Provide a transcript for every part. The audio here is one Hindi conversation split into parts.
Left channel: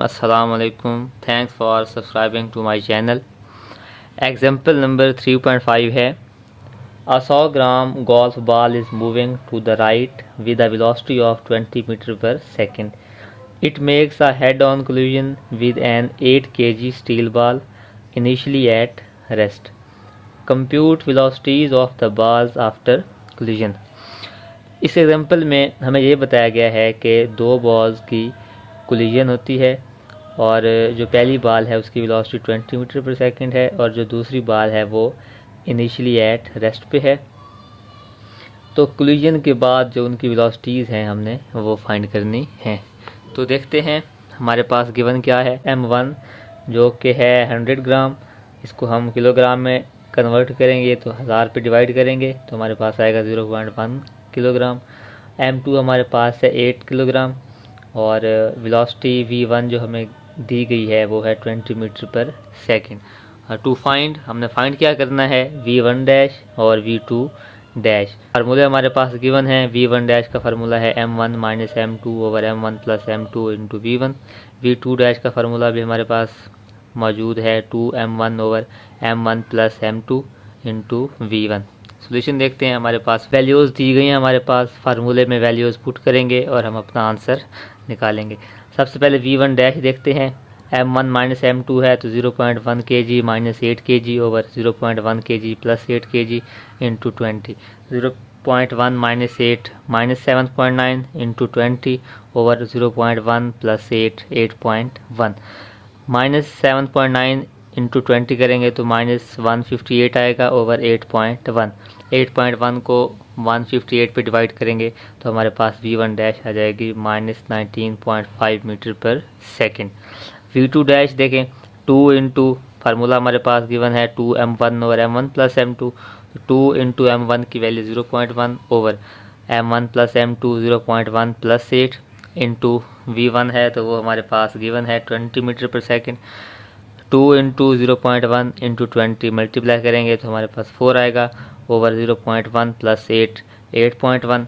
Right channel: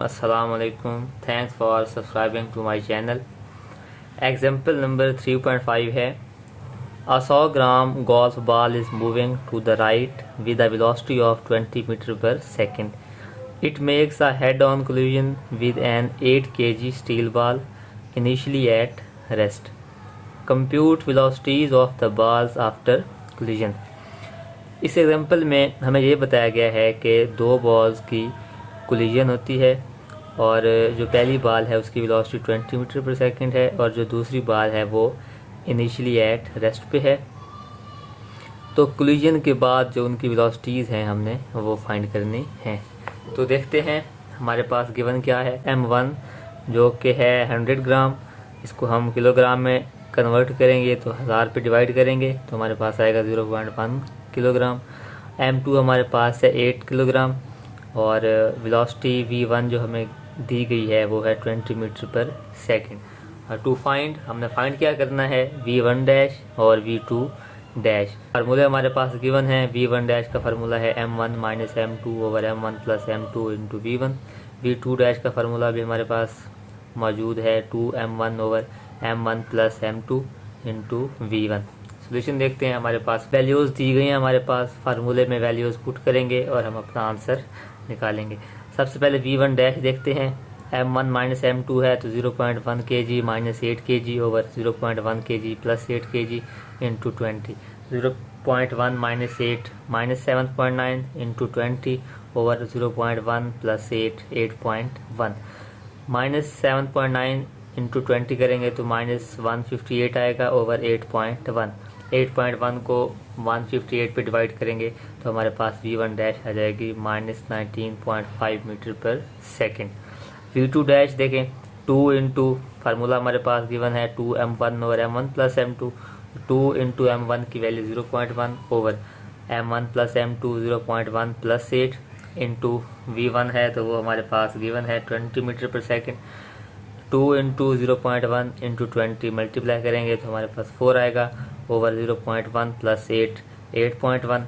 Assalamu alaikum. Thanks for subscribing to my channel. Example number 3.5 है A 100 gram golf ball is moving to the right with a velocity of 20 meter per second. It makes a head-on collision with an 8 kg steel ball initially at rest. Compute velocities of the balls after collision. इस एग्जाम्पल में हमें ये बताया गया है कि दो बॉल्स की कोलिजन होती है और जो पहली बॉल है उसकी वेलोसिटी 20 मीटर पर सेकंड है और जो दूसरी बॉल है वो इनिशियली एट रेस्ट पे है। तो कोलिजन के बाद जो उनकी वेलोसिटीज़ हैं हमने वो फाइंड करनी है। तो देखते हैं हमारे पास गिवन क्या है। M1 जो कि है 100 ग्राम, इसको हम किलोग्राम में कन्वर्ट करेंगे तो 1000 पे डिवाइड करेंगे तो हमारे पास आएगा 0.1 किलोग्राम। M2 हमारे पास है 8 किलोग्राम और वेलोसिटी V1 जो हमें दी गई है वो है 20 metre per second. To find हमने फाइंड क्या करना है V1 डैश और V2 डैश। फार्मूले हमारे पास गिवन है। V1 डैश का फार्मूला है M1 minus M2 over M1 plus M2 into V1। V2 dash का फार्मूला भी हमारे पास मौजूद है 2M1 over M1 plus M2 into V1। Solution देखते हैं। हमारे पास वैल्यूज़ दी गई हैं, हमारे पास फार्मूले में वैल्यूज़ पुट करेंगे और हम अपना आंसर निकालेंगे। सबसे पहले V1 डैश देखते हैं। M1 माइनस M2 है तो 0.1 kg minus 8 kg over 0.1 kg plus 8 kg into 20। 0.1 minus 8 minus 7.9 into 20 over 0.1 plus 8 8.1 minus 7.9 into 20 करेंगे तो माइनस 158 आएगा ओवर 8.1। 8.1 को 158 पे डिवाइड करेंगे तो हमारे पास V1 डैश आ जाएगी minus 19.5 metre per second. V2 dash देखें 2 इंटू फार्मूला हमारे पास गिवन है 2M1 over M1 plus M2। 2 into M1 की value 0.1 over M1 plus M2 0.1 plus 8 into V1 है तो वो हमारे पास गिवन है 20 metre per second. 2 into 0.1 into 20 multiply करेंगे तो हमारे पास 4 आएगा ओवर 0.1 प्लस 8 8.1।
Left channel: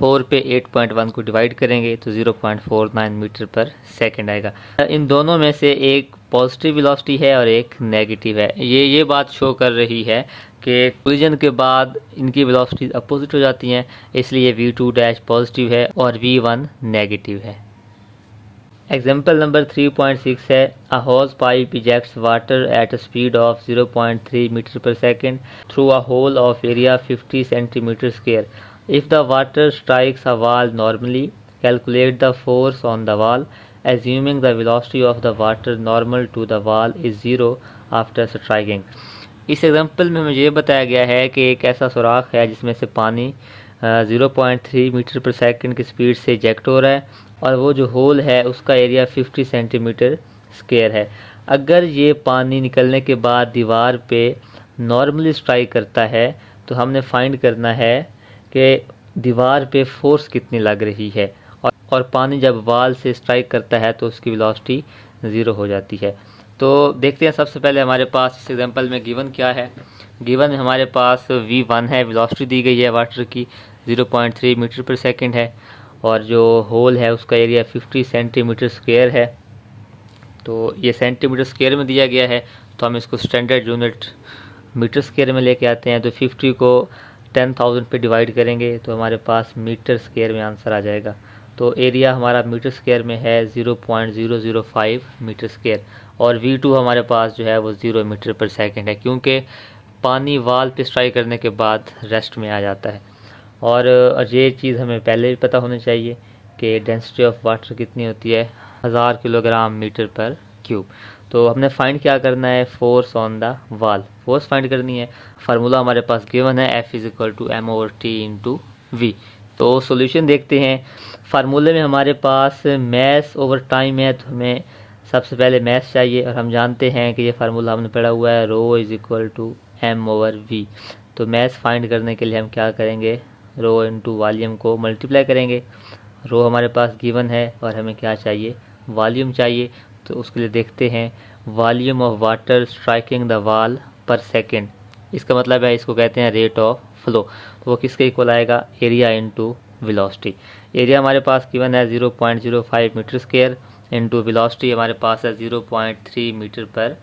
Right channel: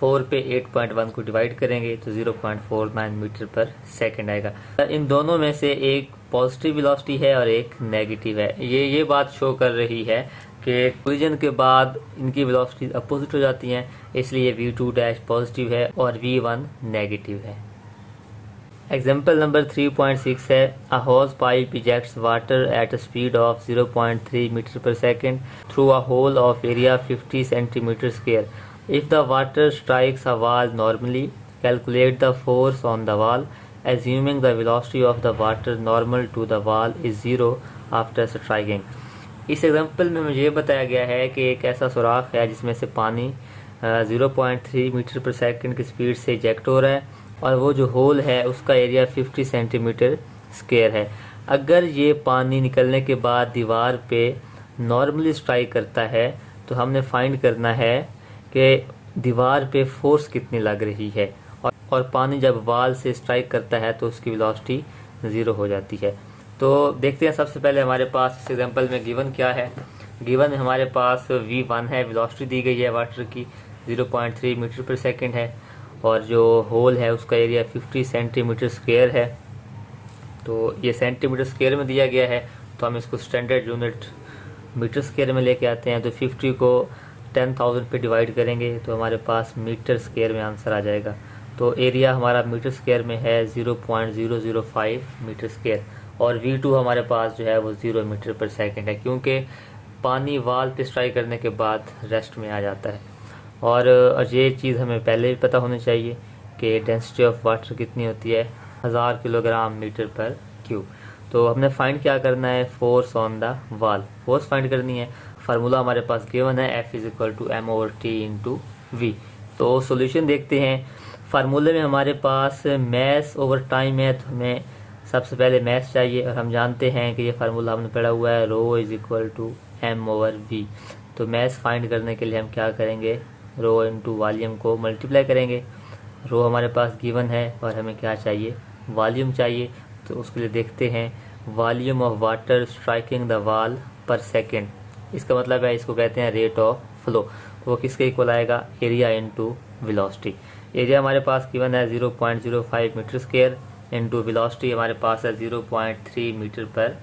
4 पे 8.1 को डिवाइड करेंगे तो 0.49 मीटर पर सेकंड आएगा। इन दोनों में से एक पॉजिटिव वेलोसिटी है और एक नेगेटिव है। ये बात शो कर रही है कि कोलिजन के बाद इनकी वेलोसिटी अपोजिट हो जाती हैं, इसलिए V2 डैश पॉजिटिव है और V1 नेगेटिव है। एग्जाम्पल नंबर 3.6 है a hose pipe ejects water at a speed of 0.3 metre per second through a hole of area 50 centimetre square. If the water strikes a wall normally calculate the force on the wall assuming the velocity of the water normal to the wall is 0 after striking. इस एग्जाम्पल में मुझे बताया गया है कि एक ऐसा सुराख है जिसमें से पानी 0.3 मीटर पर सेकंड की स्पीड से इजेक्ट हो रहा है और वो जो होल है उसका एरिया 50 सेंटीमीटर स्क्वायर है। अगर ये पानी निकलने के बाद दीवार पे नॉर्मली स्ट्राइक करता है तो हमने फाइंड करना है कि दीवार पे फोर्स कितनी लग रही है और पानी जब वॉल से स्ट्राइक करता है तो उसकी वेलोसिटी 0 हो जाती है। तो देखते हैं सबसे पहले हमारे पास इस एग्जांपल में गिवन क्या है। गिवन हमारे पास V1 है, वेलोसिटी दी गई है वाटर की 0.3 मीटर पर सेकंड है और जो होल है उसका एरिया 50 सेंटीमीटर स्क्वायर है। तो ये सेंटीमीटर स्क्वायर में दिया गया है तो हम इसको स्टैंडर्ड यूनिट मीटर स्क्वायर में लेके आते हैं। तो 50 को 10,000 पे डिवाइड करेंगे तो हमारे पास मीटर स्क्वायर में आंसर आ जाएगा। तो एरिया हमारा मीटर स्क्वायर में है 0.005 मीटर स्क्वायर और V2 हमारे पास जो है वो 0 मीटर पर सेकंड है, क्योंकि पानी वॉल पे स्ट्राइक करने के बाद रेस्ट में आ जाता है। और ये चीज़ हमें पहले भी पता होनी चाहिए कि डेंसिटी ऑफ वाटर कितनी होती है 1000 किलोग्राम मीटर पर क्यूब। तो हमने फाइंड क्या करना है force on the wall, force find करनी है। फार्मूला हमारे पास गिवन है F = m/t इंटू V। तो सॉल्यूशन देखते हैं। फार्मूले में हमारे पास मैस ओवर टाइम है तो हमें सबसे पहले मैस चाहिए और हम जानते हैं कि ये फार्मूला हमने पढ़ा हुआ है ρ = m/v। तो मैस फाइंड करने के लिए हम क्या करेंगे, रो इंटू वॉल्यूम को मल्टीप्लाई करेंगे। रो हमारे पास गिवन है और हमें क्या चाहिए, वॉल्यूम चाहिए। तो उसके लिए देखते हैं volume of water striking the wall पर सेकंड, इसका मतलब है इसको कहते हैं रेट ऑफ फ्लो। तो वो किसके इक्वल आएगा, एरिया इंटू वेलोसिटी। एरिया हमारे पास गिवन है 0.05 मीटर स्क्वायर इंटू वेलोसिटी हमारे पास है 0.3 मीटर पर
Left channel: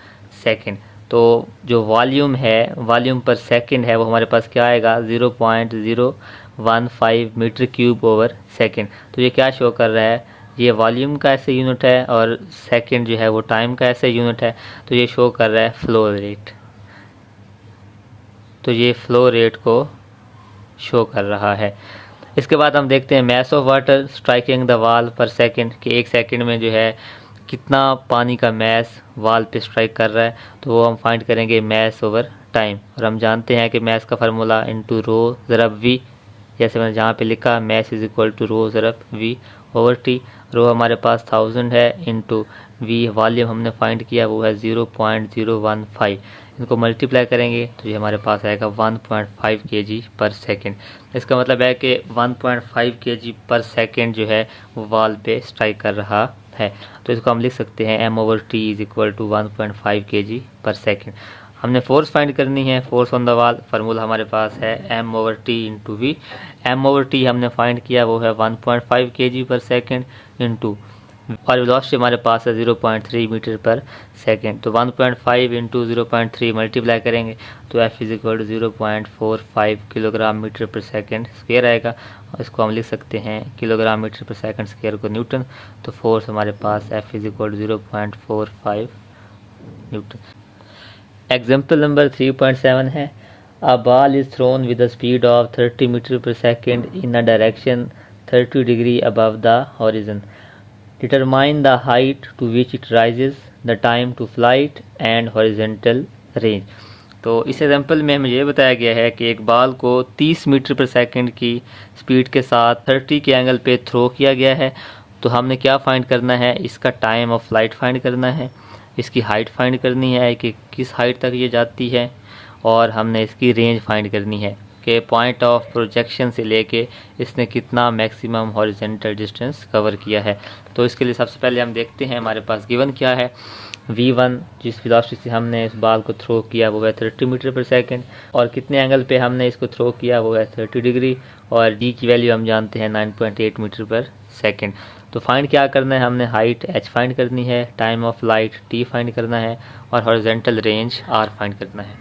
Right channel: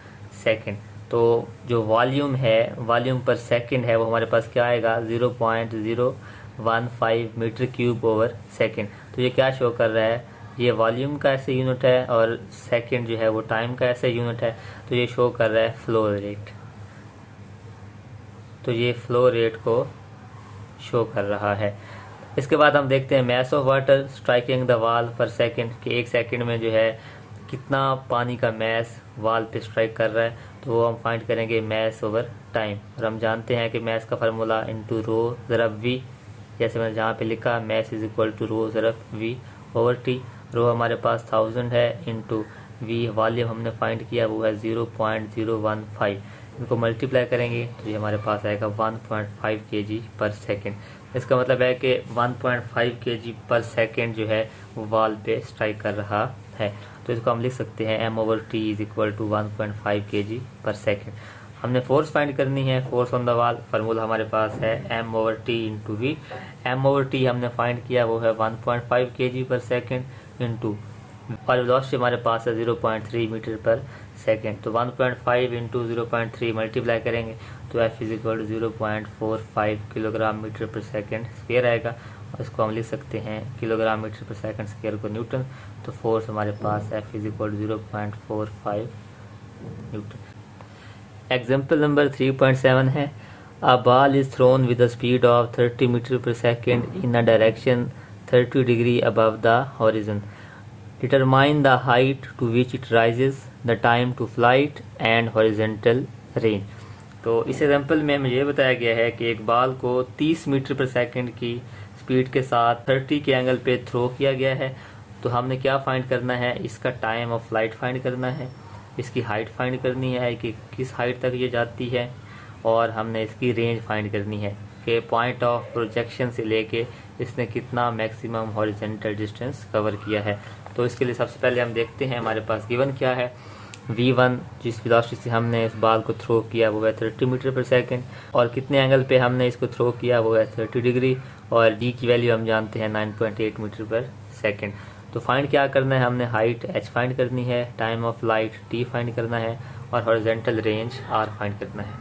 सेकेंड। तो जो वॉल्यूम है, वॉल्यूम पर सेकेंड है, वो हमारे पास क्या आएगा 0.015 मीटर क्यूब ओवर सेकेंड। तो ये क्या शो कर रहा है, ये वॉल्यूम का ऐसे यूनिट है और सेकेंड जो है वो टाइम का ऐसे यूनिट है। तो ये शो कर रहा है फ्लो रेट, तो ये फ्लो रेट को शो कर रहा है। इसके बाद हम देखते हैं mass of water striking the wall पर सेकंड, कि एक सेकंड में जो है कितना पानी का मैस वॉल पे स्ट्राइक कर रहा है। तो वो हम फाइंड करेंगे मैस ओवर टाइम, और हम जानते हैं कि मैस का फार्मूला इनटू रो ज़रब वी, जैसे मैंने जहाँ पे लिखा mass is equal to rho ज़रब वी ओवर टी। रो हमारे पास 1000 है, इनटू वी वॉल्यूम हमने फाइंड किया वो है 0.015। इनको मल्टीप्लाई करेंगे तो ये हमारे पास आएगा 1.5 kg पर सेकेंड। इसका मतलब है कि 1.5 kg पर सेकेंड जो है वो वॉल पे स्ट्राइक कर रहा है। तो इसको हम लिख सकते हैं m over t is equal to 1.5 kg पर सेकेंड। हमने फोर्स फाइंड करनी है, force on the wall, formula हमारे पास है m over T into V. m over T हमने फाइंड किया वो है 1.5 kg पर सेकेंड इंटू, और वेलोसिटी हमारे पास है 0.3 मीटर पर सेकेंड। तो 1.5 इंटू 0.3 मल्टीप्लाई करेंगे तो f is equal to 0.45 kilogram metre per second square आएगा, और इसको हम लिख सकते हैं kilogram metre per second square को न्यूटन। तो फोर्स हमारे पास f is equal to 0.45 newton. Example number 3.7 है, a ball is thrown with the speed of 30 metre per second in a direction 30 degree above the horizon. Determine the height to which it rises, the time to flight and horizontal range। तो इस एग्जाम्पल में हमें ये बताया गया है कि एक बॉल को 30 मीटर पर सेकंड की स्पीड के साथ 30 के एंगल पे थ्रो किया गया है। तो हमने क्या फाइंड करना है, इसका टाइम ऑफ फ्लाइट फाइंड करना है, इसकी हाइट फाइंड करनी है कि किस हाइट तक ये जाती है, और हमने इसकी रेंज फाइंड करनी है कि पॉइंट ऑफ प्रोजेक्शन से लेके इसने कितना मैक्सिमम हॉरिजॉन्टल डिस्टेंस कवर किया है। तो इसके लिए सबसे पहले हम देखते हैं हमारे पास गिवन क्या है। v1 जिस वेलोसिटी से हमने इस बॉल को थ्रो किया वो है 30 मीटर पर सेकेंड, और कितने एंगल पे हमने इसको थ्रो किया वो है 30 डिग्री, और d की वैल्यू हम जानते हैं 9.8 मीटर पर सेकेंड। तो फाइंड क्या करना है, हमने हाइट h फाइंड करनी है, time of flight t find करना है, और हॉरिजॉन्टल रेंज r फाइंड करना है।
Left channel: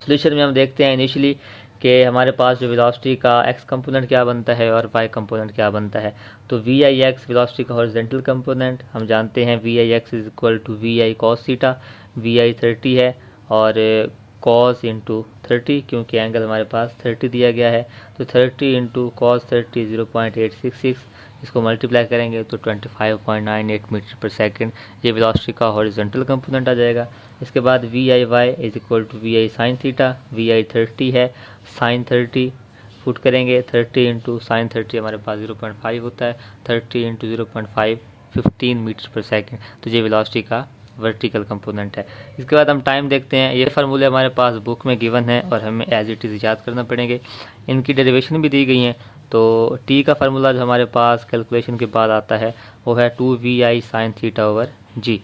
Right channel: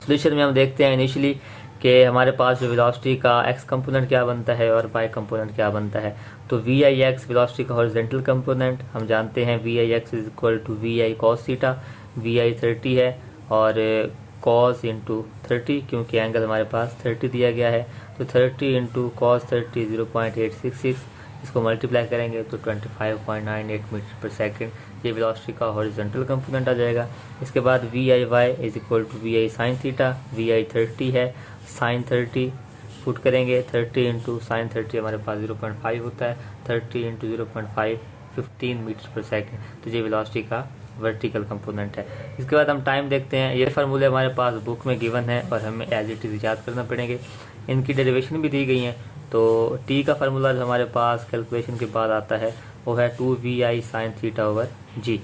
सोल्यूशन में हम देखते हैं इनिशियली कि हमारे पास जो वेलोसिटी का x कंपोनेंट क्या बनता है और y कंपोनेंट क्या बनता है। तो वी आई एक्स वेलोसिटी का हॉरिजॉन्टल कंपोनेंट हम जानते हैं, V I X is equal to V I cos theta. V I 30 है और कॉस इंटू 30, क्योंकि एंगल हमारे पास 30 दिया गया है। तो 30 इंटू कॉस 30 0.866, इसको मल्टीप्लाई करेंगे तो 25.98 मीटर पर सेकेंड ये वेलोसिटी का हॉरिजॉन्टल कंपोनेंट आ जाएगा। इसके बाद V I Y is equal to V I sine theta. V I 30 है, साइन 30 पुट करेंगे, 30 इंटू साइन 30 हमारे पास 0.5 होता है, 30 इंटू 0.5 15 मीटर पर सेकेंड। तो ये वेलोसिटी का वर्टिकल कंपोनेंट है। इसके बाद हम टाइम देखते हैं। ये फार्मूले हमारे पास बुक में गिवन है और हमें एज इट इज़ याद करना पड़ेंगे। इनकी डेरिवेशन भी दी गई हैं। तो टी का फार्मूला जो हमारे पास कैलकुलेशन के बाद आता है वो है 2vi साइन थीटा ओवर जी।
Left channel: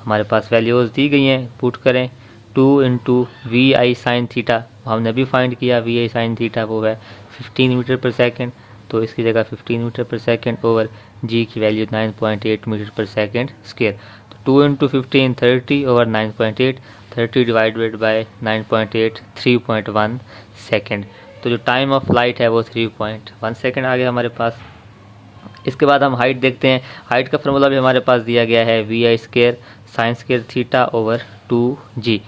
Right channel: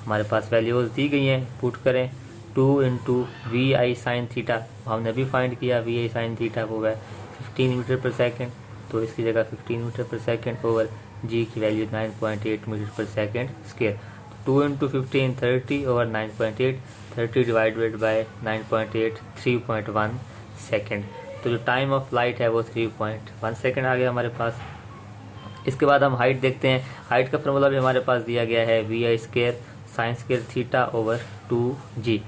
हमारे पास वैल्यूज़ दी गई हैं, पुट करें 2 into V I sine theta, हमने अभी फाइंड किया वी आई साइन थीटा वो है 15 मीटर पर सेकेंड। तो इसकी जगह 15 metre per second over G की value 9.8 metre per second square. 2 into 15 30 over 9.8, 30 divided by 9.8 3.1 second. तो जो टाइम ऑफ फ्लाइट है वो 3.1 सेकेंड आ गया हमारे पास। इसके बाद हम हाइट देखते हैं। हाइट का फॉर्मूला भी हमारे पास दिया गया है V I square sine square theta over 2g।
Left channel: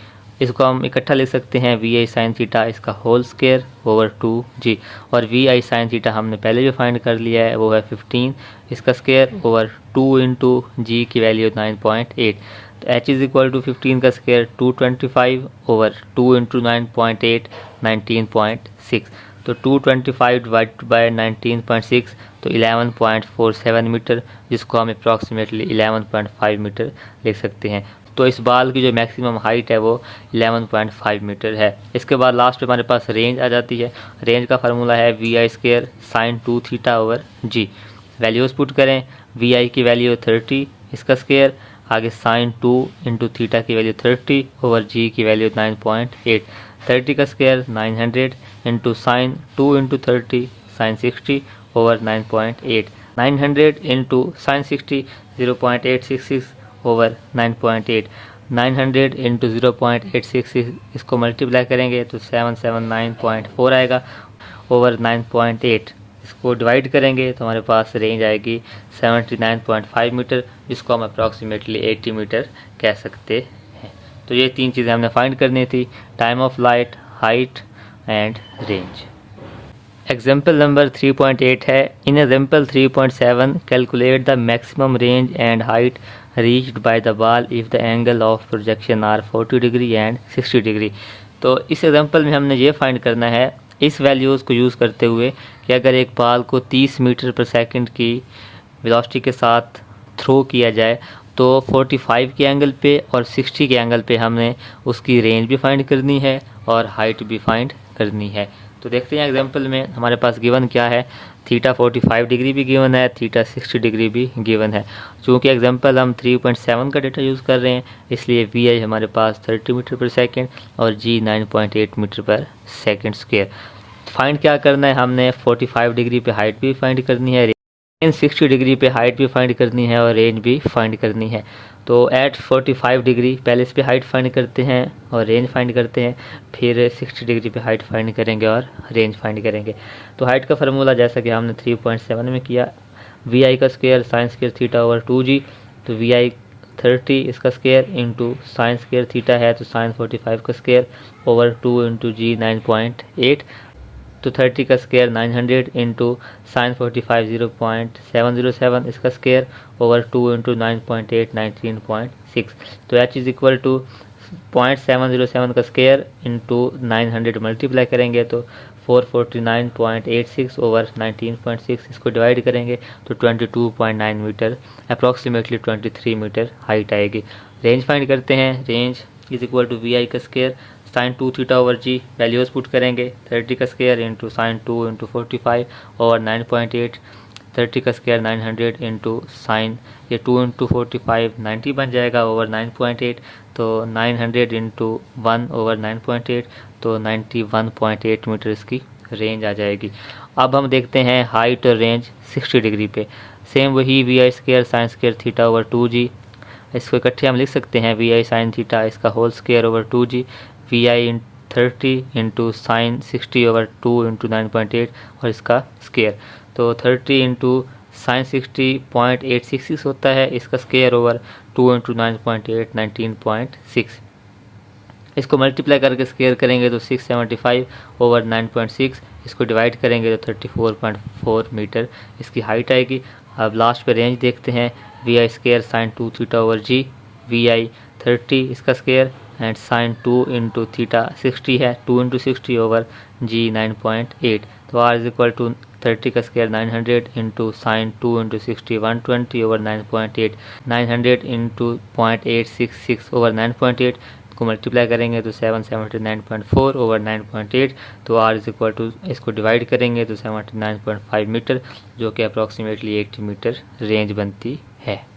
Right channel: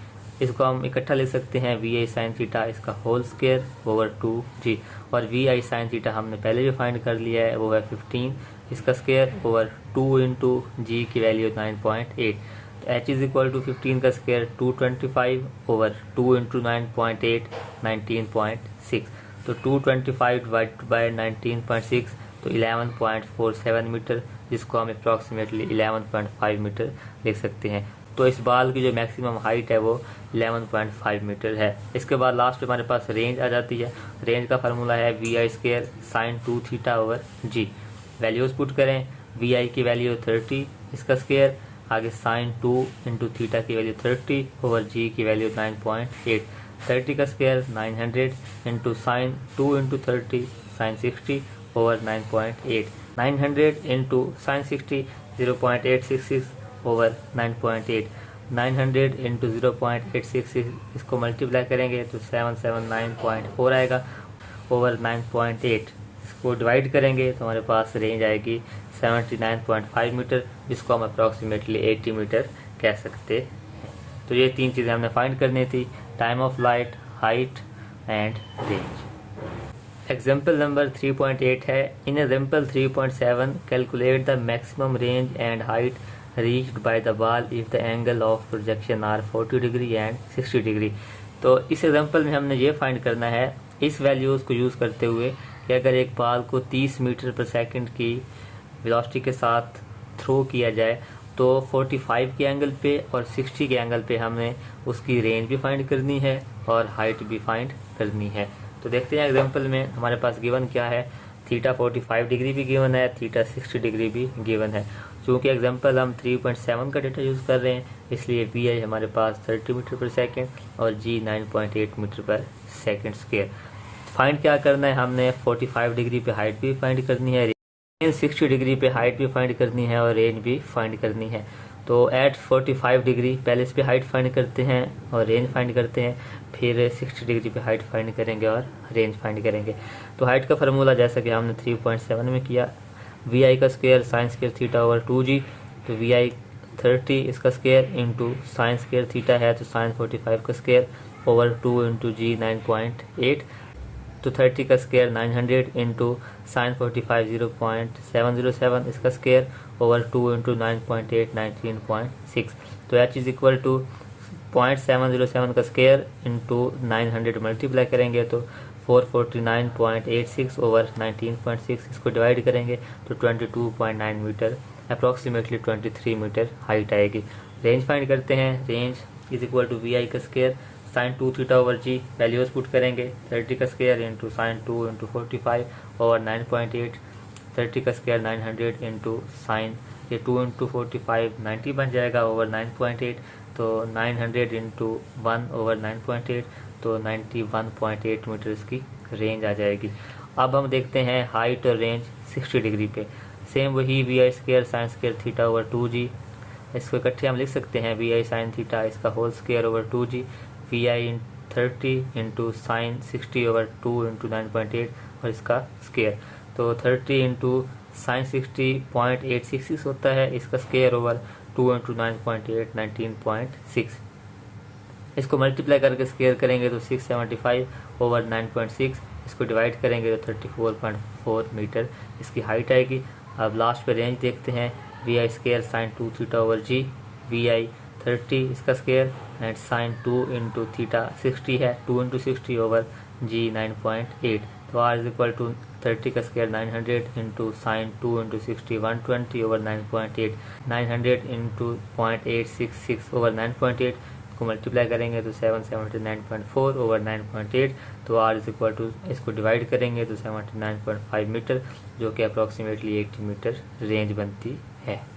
इसको हम इकट्ठा लिख सकते हैं वी आई साइन थीटा इसका होल स्क्वायर ओवर 2g, और वी आई साइन थीटा हमने पहले भी फाइंड कर लिया है वो है 15 इसका स्क्वायर ओवर 2 इंटू जी की वैल्यू 9.8। तो h इज इक्वल टू 15 का स्क्वायर 225 ओवर 2 इंटू 9.8 19.6। तो 225 डिवाइड बाय 19.6 तो 11.47 मीटर, जिसको हम अप्रॉक्सीमेटली 11.5 मीटर लिख सकते हैं। तो इस बॉल की जो मैक्सिमम हाइट है वो 11.5 मीटर है। इसके बाद लास्ट में हमारे पास रेंज आ जाती है। रेंज का फार्मूला है V I square sine 2 theta over G. Values put करें, वी आई की वैल्यू 30 इसका स्क्वायर, आगे साइन 2 इंटू थीटा की वैल्यू 30 ओवर जी की वैल्यू 9.8, 30 का square 900 into sine 2 into 30 sine 60 over 9.8, 900 into sine 60 0.866 over 9.8, 900 into 0.866 इसको मल्टीप्लाई करेंगे तो 779.4 आएगा ओवर 9.8। इसको डिवाइड करेंगे तो हमारे पास रेंज आएगी 79.5 मीटर, जिसको हम अप्रॉक्सीमेटली 80 मीटर कह सकते हैं। तो ये तीन चीज़ें हमने फाइंड करनी थी, time of light, height and range. Example number 3.8 है। In example 3.7 calculate the maximum range and height reached by the ball if the angle of projection are 40 degree and 60 degree. तो इस एग्जाम्पल में हमने ये फाइंड करना है इस वैल्यूज़ को यूज़ करते हुए कि अगर एक बॉल को 30 मीटर पर सेकंड की वेलोसिटी के साथ थ्रो किया जाए तो 45 के एंगल पे और 60 के एंगल पे हमने उसकी रेंज भी फाइंड करनी है और हाइट भी फाइंड करनी है। तो देखते हैं एग्जांपल में हमारे पास गिवन क्या है। थीटा 45 डिग्री भी गिवन है, थीटा 60 डिग्री भी गिवन है। चूँकि एग्जांपल हम 3.7 का डेटा यूज़ कर रहे हैं इसलिए वी आई हमारे पास 30 मीटर पर सेकेंड और जी 9.8 metre per second square. Find क्या करना है, हमने 45 डिग्री पे हाइट भी फाइंड करनी है, 60 डिग्री पे हाइट भी फाइंड करनी है और रेंज भी फाइंड करनी है। तो एट 45 डिग्री पहले इस पे हाइट फाइंड करते हैं और रेंज फाइंड करते हैं, फिर 60 डिग्री पे हाइट फाइंड करेंगे और रेंज फाइंड करेंगे। तो हाइट का फार्मूला जैसा कि हमने 3.7 में किया, वी आई का square sine square theta over 2g, तो वी आई 30 इसका square into sign square theta है तो साइन 45 का स्क्वायर ओवर 2 इंटू जी 9.8, तो 30 का स्क्वायर 900 इंटू साइन 45 0.707 इसका स्क्वायर ओवर 2 इंटू 9.8 19.6। तो एच इज़ इक्वल टू 0.707 का स्क्वायर इंटू 900 मल्टीप्लाई करेंगे तो 449.86 ओवर 19.6, इसको डिवाइड करेंगे तो 22.9 मीटर, अप्रॉक्सीमेटली 23 मीटर हाइट आएगी। रेंज फाइंड करते हैं, range is equal to V I का square sine 2 theta over G, values put करेंगे 30 का square into sine 2 into 45 over 9.8, 30 का स्क्वायर 900 इंटू साइन ये 2 इंटू 45 90 बन जाएगा ओवर 9.8, तो 900 इंटू 1 ओवर 9.8 तो 91.8 मीटर इसकी रेंज आ जाएगी। अब हम देखते हैं हाइट और रेंज 60 डिग्री पे। सेम वही V I square sine square theta over 2g, इसको इकट्ठे हम लिख सकते हैं वी आई साइन थीटा इसका whole square over 2g, V I 30 into sine 60 over 2 into 9.8 और इसका स्क्वायर, तो 30 इंटू साइन 60.866 होता है, इसका स्क्वायर ओवर 2 इंटू 9.8 19.6। इसको मल्टीप्लाई करके स्क्वायर करेंगे तो 675 ओवर 9.6, इसको डिवाइड करेंगे तो 34.4 मीटर इसकी हाइट आएगी। अब लास्ट पे रेंज देखते हैं, V I square sine 2 theta over G, V I 30 इसका square and sine 2 into theta 60 है 2 इंटू 60 ओवर जी 9.8, तो आर इज इक्वल टू 30 का square 900 into sine 2 into 60 120 over 9.8, 900 into 0.866 over 9.8 को मल्टीप्लाई करेंगे तो 779.4 ओवर 9.8, तो आर इज इक्वल टू इसको डिवाइड करेंगे तो 79.5 मीटर, जो कि अप्रॉक्सीमेटली 80 मीटर रेंज बनती है।